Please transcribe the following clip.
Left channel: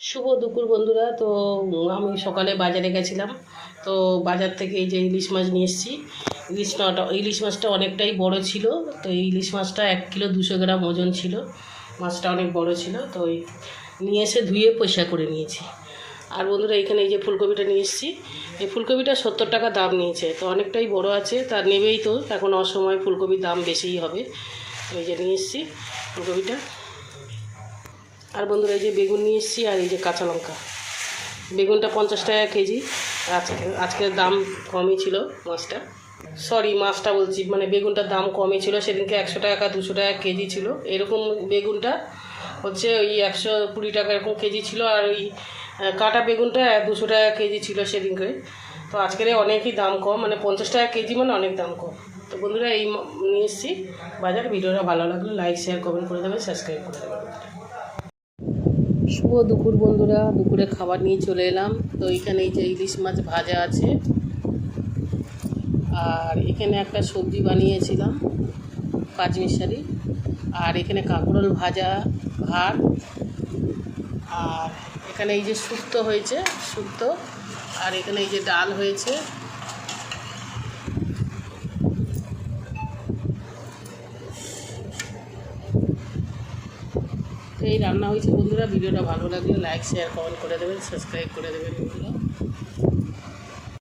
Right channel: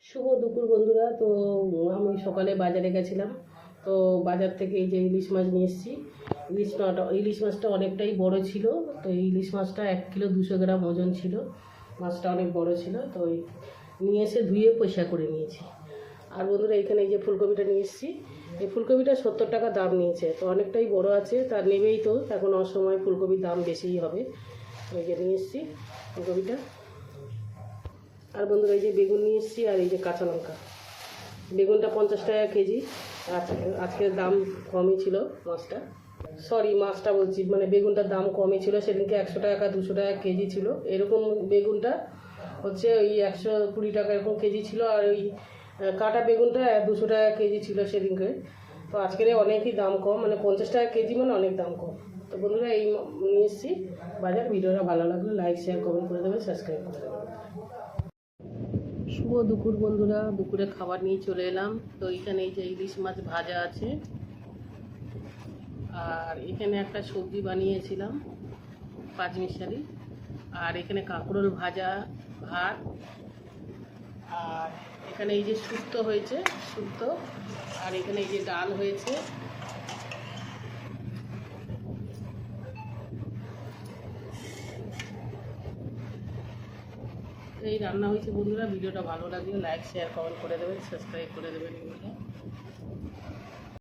শুভ দুপুর বন্ধুরা। তো আমি সকালে বাজারে গেছিলাম। তো বাজার থেকে এই যে ইলিশ মাছ নিয়ে এসেছি। ইলিশ মাছটা অনেকটাই বড় ছিল। তো এই ইলিশ মাছটা 1 কিলো 200 গ্রাম ওজন ছিল। মাছটা অনেক বড় ছিল। তো নিয়ে এসে ধুয়ে পরিষ্কার করে নিয়েছি। আর বন্ধুরা এখানে এই যে ফুলকপিটা নিয়ে এসেছি। এই ফুলকপিটা 70 টাকা দাম নিয়েছে। তো অনেকটাই বড় আছে, তার নেবেই তো, এখন অসময় ফুলকপির দাম বেশিই হবে। তো এই যে নিয়ে এসেছি ফুলকপিটা। আর বন্ধুরা এই যে বেগুন নিয়ে এসেছি, আর এই যে কাঁচা লঙ্কা। বেগুনটা 50 টাকা কেজি। আজকের দাম কমই ছিল মাছটা বলছি, মানে বেগুনটার দাম কমই ছিল। সেদিনকে 100 টাকা 200 টাকা কেজি ছিল। এরকম বেগুনটা হচ্ছে ওই 120 টাকা এরকম কেজি ছিল। আর ওই কাটা বেগুনটা 200 টাকা কেজি ছিল সেদিনকে। তো আজকের অনেকই দাম কম, মানে 50 টাকা কেজি, মানে অনেক দাম কম। তো বন্ধুরা এই নিয়ে এসেছি বাজার। ভিডিওটা ভালো লাগলে লাইক শেয়ার কমেন্ট করে দেবেন, সাবস্ক্রাইব করে দেবেন। শুভ দুপুর বন্ধুরা, দুপুরে খাবার নিয়ে চলে এলাম। তো এখানে এই যে ইলিশ মাছ ভাজা আছে, আর এখানে একটা সবজি বানিয়েছিলাম পাঁচমিশালি, আর এখানে কাঁকরোল ভাজা, ভাত, আর এখানে এই যে শুক্তো হয়েছে, শুক্তো, আর এখানে এই যে ডাল হয়েছে। এই রান্না হয়েছে বন্ধুরা। ভিডিওটা ভালো লাগলে লাইক শেয়ার কমেন্ট করে দেবেন, সাবস্ক্রাইব করে দেবেন বন্ধুরা।